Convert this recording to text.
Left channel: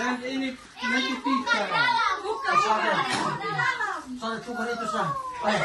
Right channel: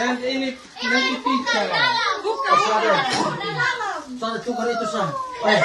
Dan ini nanti pizza. Sana, tukar ito sa. Ay.